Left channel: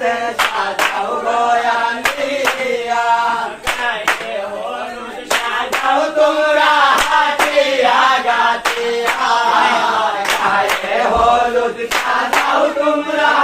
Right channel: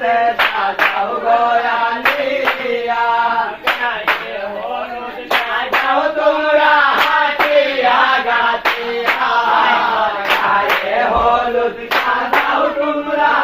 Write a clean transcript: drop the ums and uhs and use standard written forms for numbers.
গাছে সাজাও গয়ালিয়া গায়ে হলুদ সাজাও তোমরা হাতিয়া গাতিয়া গায়ে হলুদ সাজাও তোমরা